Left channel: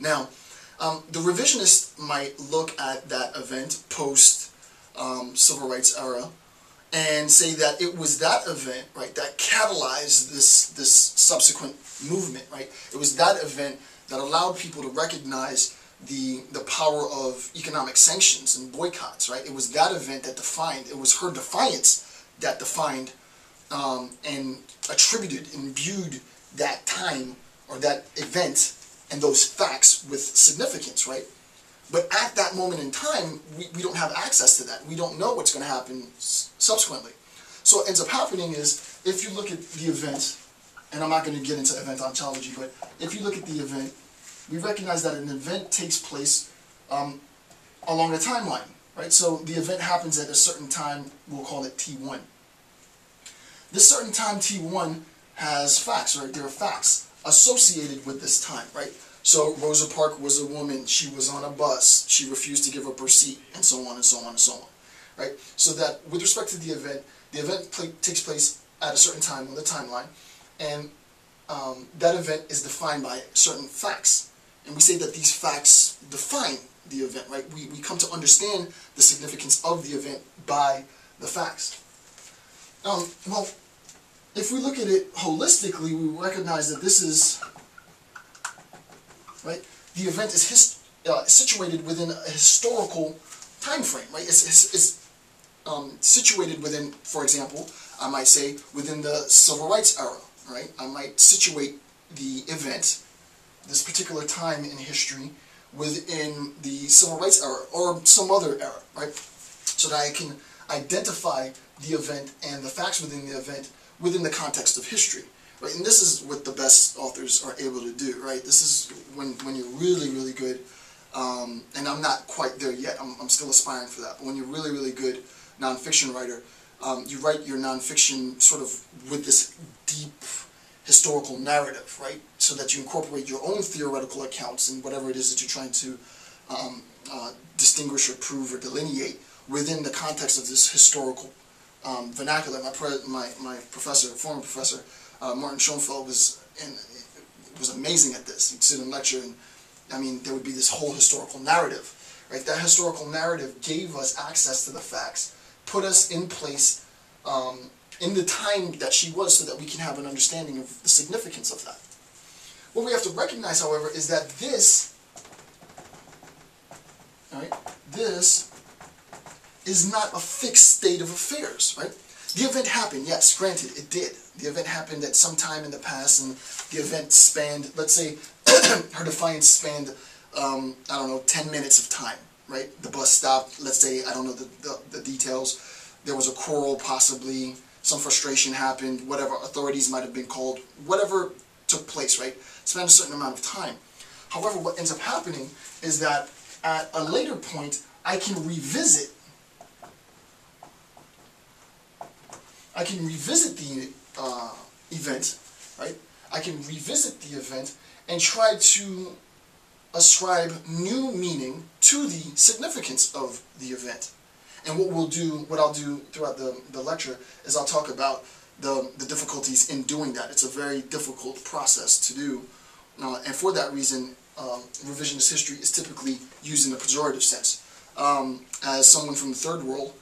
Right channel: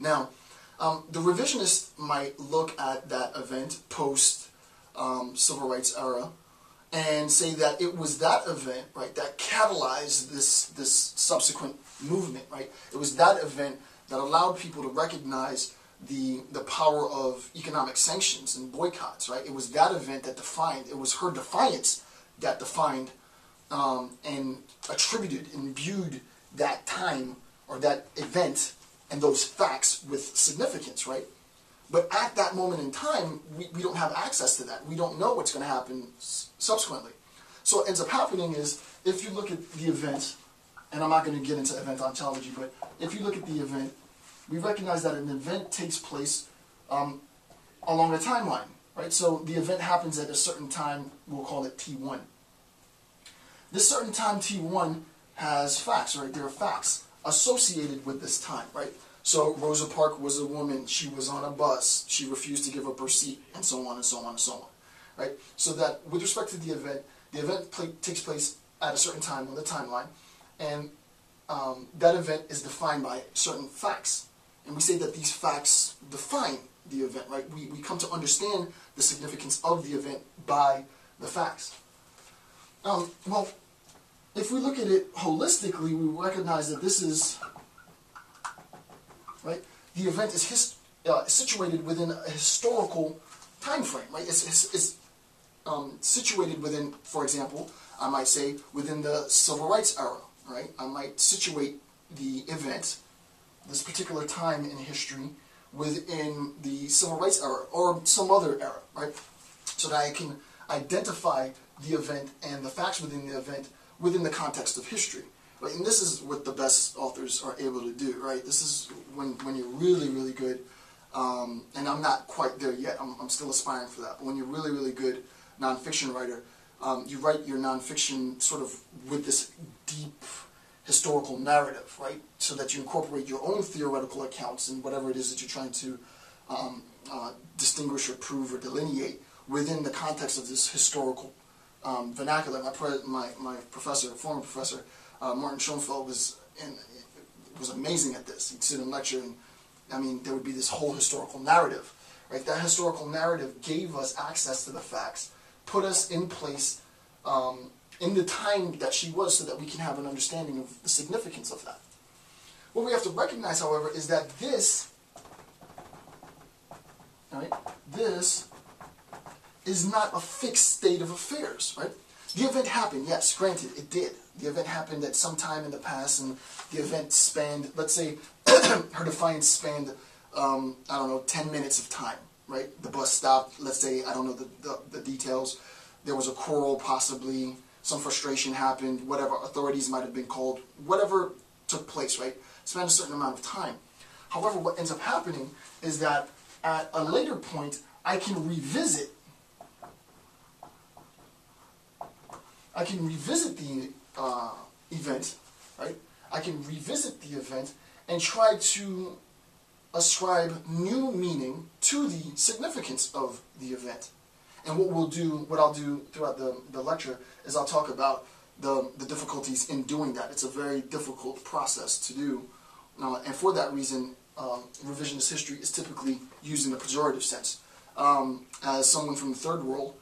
Now, the revisionist might look at that event post civil rights era and say that it was that event, right, that catalyzed this subsequent movement, right? It was that event that allowed people to recognize the power of economic sanctions and boycotts, right? It was that event that defined, it was her defiance that defined and attributed, imbued that time or that event and those facts with significance, right? But at that moment in time, we don't have access to that. We don't know what's going to happen subsequently. So what ends up happening is, if you look at the event, and I'm not going to get into event ontology, but if you look at the event, we recognize that an event takes place along a timeline, right? So the event happens at a certain time, we'll call it T1. This certain time T1 has facts, right? There are facts associated with this time, right? So Rosa Parks was a woman, she was on a bus, she refused to give up her seat, and so on and so on and so on, right? So that with respect to the event takes place at a certain time on the timeline, and that event is defined by certain facts. And we say that these facts define the event, right? We come to understand the significance of the event by the facts. Well, if we look at it holistically, we recognize that this is, right, the event is situated within a historical time frame, right? It's situated within, for example, I might say within the civil rights era, right? I might situate the event, this particular time in history, within the civil rights era or some other era, right? So that I can identify the event and the facts within the event within the context of history, right? And this is what the best authors are able to do, right? This is when you're really, really good, and I'm not quite there yet, I'm still aspiring for that, but when you're really, really good nonfiction writer, you write your nonfiction sort of with this deep historical narrative, right? So that you incorporate your own theoretical accounts and whatever it is that you're trying to distinguish or prove or delineate within the context of this historical vernacular. My professor, former professor, Martin Schoenfeld, was amazing at this. He'd sit and lecture, and I mean, there would be this whole historical narrative, right? That historical narrative gave us access to the facts, put us in place in the time that she was, so that we can have an understanding of the significance of that. What we have to recognize, however, is that this, right, this is not a fixed state of affairs, right? The event happened, yes, granted, it did. The event happened at some time in the past, and the event spanned, let's say, her defiance spanned, I don't know, 10 minutes of time, right? The bus stopped, let's say, I don't know the details. There was a quarrel, possibly, some frustration happened, whatever, authorities might have been called, whatever took place, right? Spanned a certain amount of time. However, what ends up happening is that at a later point, I can revisit the event, right? I can revisit the event and try to ascribe new meaning to the significance of the event. And what I'll do throughout the lecture is I'll talk about the difficulties in doing that. It's a very difficult process to do, and for that reason, revisionist history is typically used in a pejorative sense. As someone from the third world,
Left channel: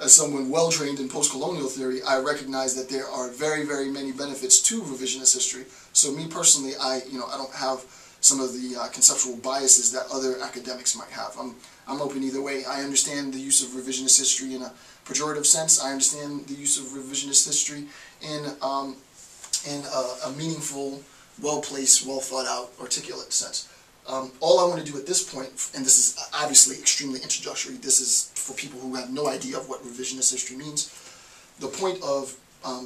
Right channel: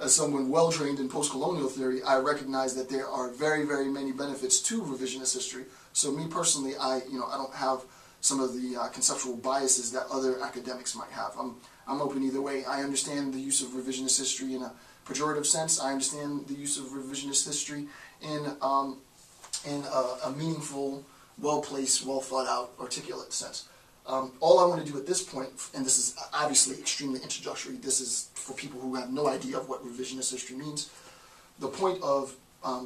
as someone well-trained in post-colonial theory, I recognize that there are very, very many benefits to revisionist history. So me personally, I don't have some of the conceptual biases that other academics might have. I'm open either way. I understand the use of revisionist history in a pejorative sense. I understand the use of revisionist history in a meaningful, well-placed, well-thought-out, articulate sense. All I want to do at this point, and this is obviously extremely introductory, this is for people who have no idea of what revisionist history means. The point of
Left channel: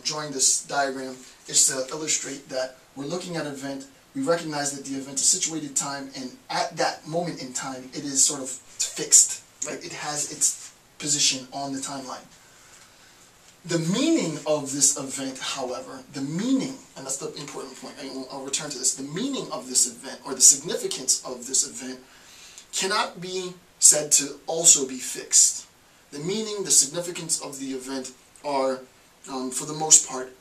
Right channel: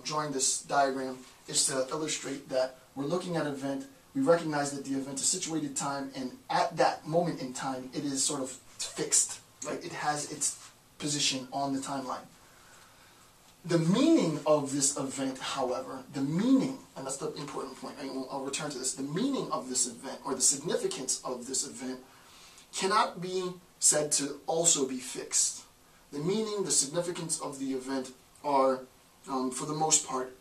drawing this diagram is to illustrate that we're looking at an event, we recognize that the event is situated in time, and at that moment in time, it is sort of fixed, right? It has its position on the timeline. The meaning of this event, however, the meaning, and that's the important point, I'll return to this, the meaning of this event, or the significance of this event, cannot be said to also be fixed. The meaning, the significance of the event are, for the most part,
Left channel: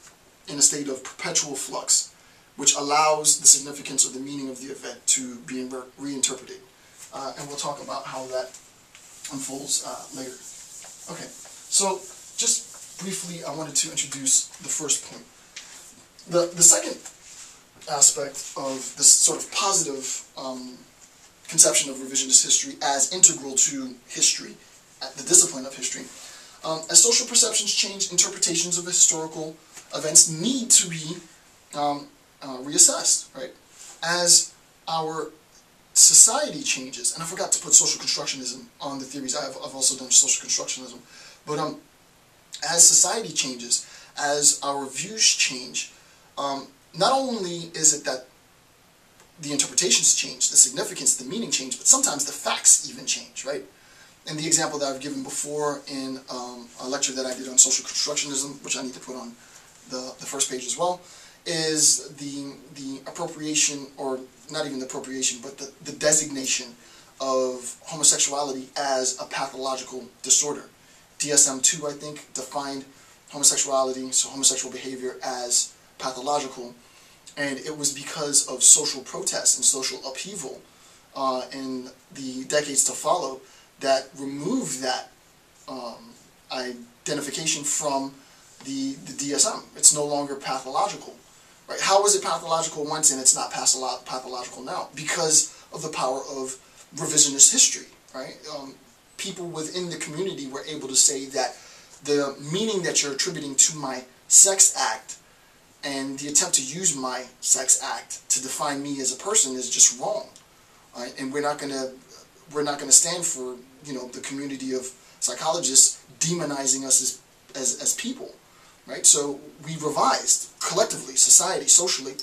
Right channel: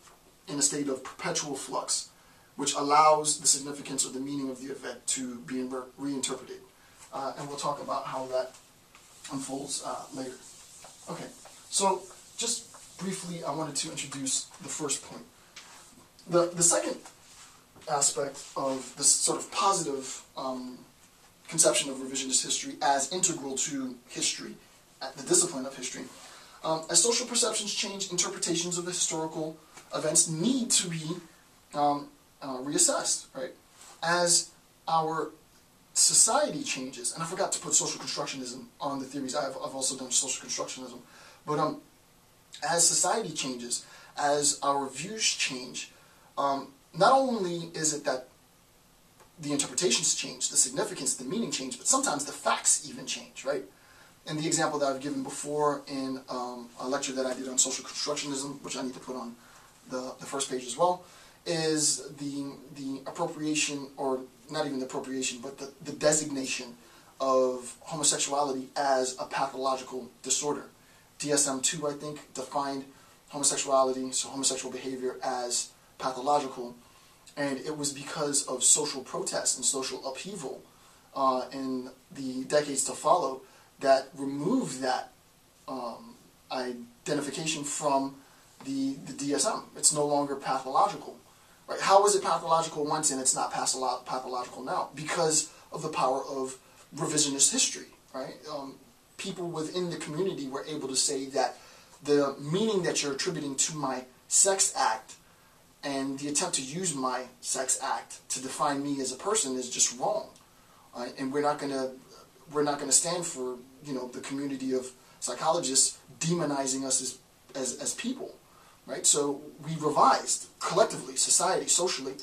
in a state of perpetual flux. which allows the significance or the meaning of the event to be reinterpreted. And we'll talk about how that unfolds later. Okay, so just briefly, I wanted to introduce the first point. The second aspect of this sort of positive conception of revisionist history as integral to history, the discipline of history. As social perceptions change, interpretations of historical events need to be reassessed, right? As our society changes, and I forgot to put social constructionism on the theories. I've also done social constructionism, but as society changes, as our views change, not only is it that the interpretations change, the significance, the meaning change, but sometimes the facts even change, right? And the example that I've given before in a lecture that I did on social constructionism, which I need to put on the first page as well, is the appropriation, or not even the appropriation, but the designation of homosexuality as a pathological disorder. DSM-2, I think, defined homosexuality, so homosexual behavior, as pathological, and it was because of social protests and social upheaval in the decades to follow that removed that identification from the DSM. It's no longer pathological, right? How is it pathological once and it's not pathological now? Because of the power of revisionist history, right? People within the community were able to say that the meaning that you're attributing to my sex act and the attempt to use my sex act to define me as a person is just wrong, right? And we're not gonna stand for, you know, the community of psychologists demonizing us as people, right? So we revised collectively, society, socially,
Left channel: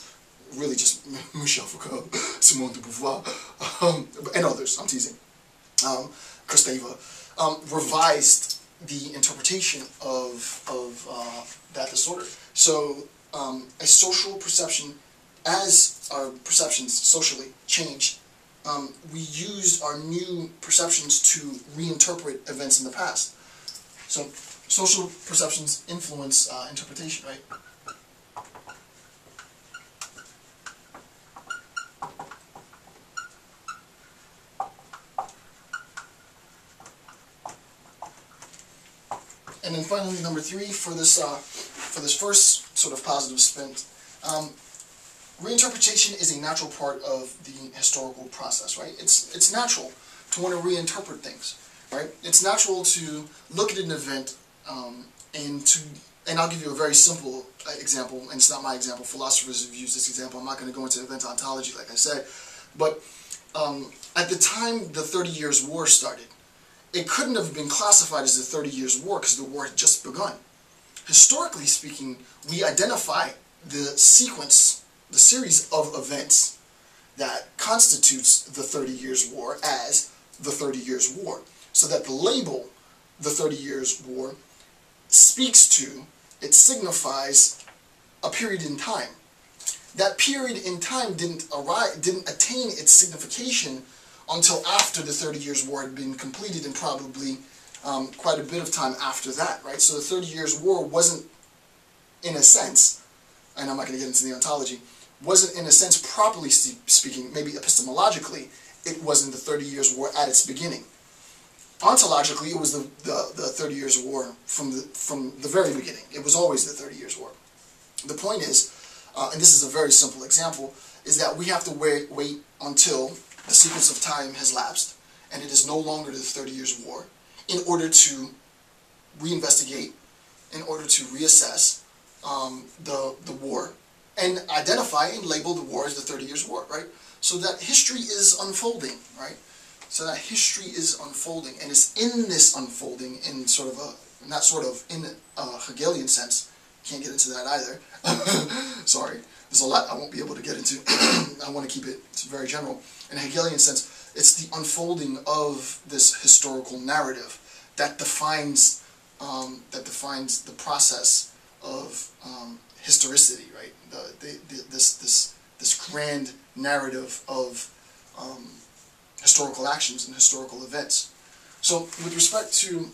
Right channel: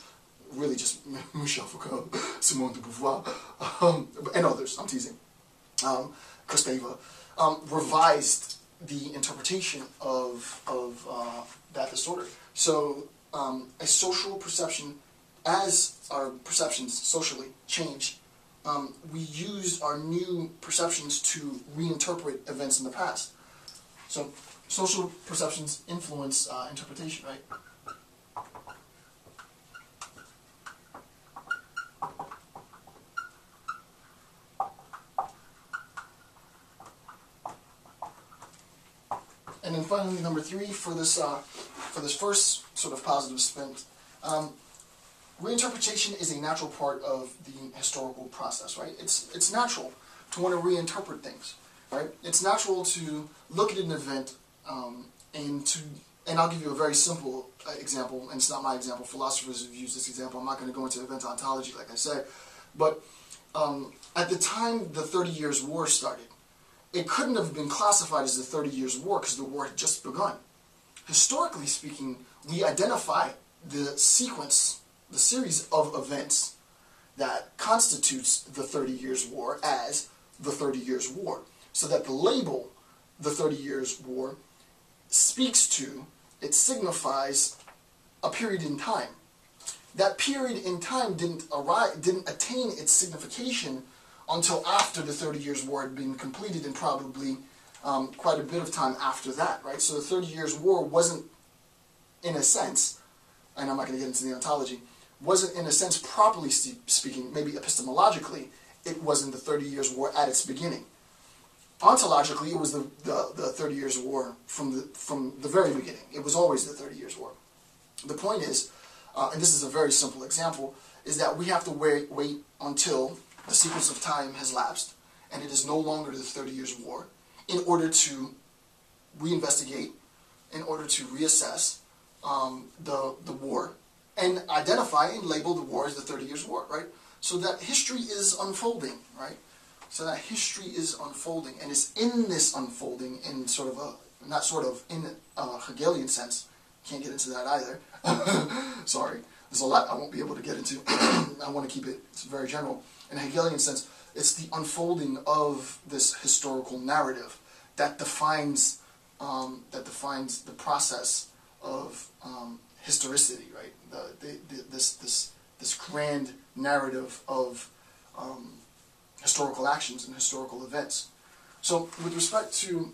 really just Michel Foucault, Simone de Beauvoir, and others. I'm teasing. Kristeva revised the interpretation of that disorder. So a social perception, as our perceptions socially changed, we used our new perceptions to reinterpret events in the past. So social perceptions influence interpretation, right? And then finally, number 3 for this first sort of positive spin. Reinterpretation is a natural part of the historical process, right? It's natural to want to reinterpret things, right? It's natural to look at an event and I'll give you a very simple example, and it's not my example. Philosophers have used this example. I'm not going to go into event ontology, like I said, but at the time the 30 Years' War started, it couldn't have been classified as the 30 Years' War because the war had just begun. Historically speaking, we identify the sequence, the series of events that constitutes the 30 Years' War as the 30 Years' War. So that the label, the 30 Years' War, speaks to, it signifies a period in time. That period in time didn't attain its signification until after the 30 Years' War had been completed, and probably quite a bit of time after that, right? So the 30 Years' War wasn't, in a sense, and I'm not going to get into the ontology, wasn't in a sense, properly speaking, maybe epistemologically, it wasn't the 30 Years' War at its beginning. Ontologically, it was the 30 Years' War from the very beginning. It was always the 30 Years' War. The point is, and this is a very simple example, is that we have to wait until the sequence of time has lapsed, and it is no longer the 30 Years' War, in order to reinvestigate, in order to reassess the war, and identify and label the war as the 30 Years' War, right? So that history is unfolding, right? So that history is unfolding, and it's in this unfolding, in sort of a, not sort of, in a Hegelian sense. Can't get into that either. Sorry. There's a lot I won't be able to get into. I want to keep it very general. In a Hegelian sense, it's the unfolding of this historical narrative that defines the process of historicity, right? This grand narrative of historical actions and historical events. So, with respect to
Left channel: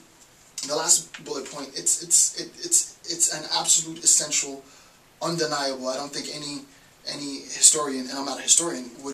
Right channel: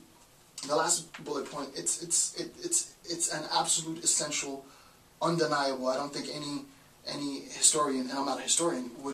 the last bullet point, it's an absolute, essential, undeniable. I don't think any historian, and I'm not a historian, would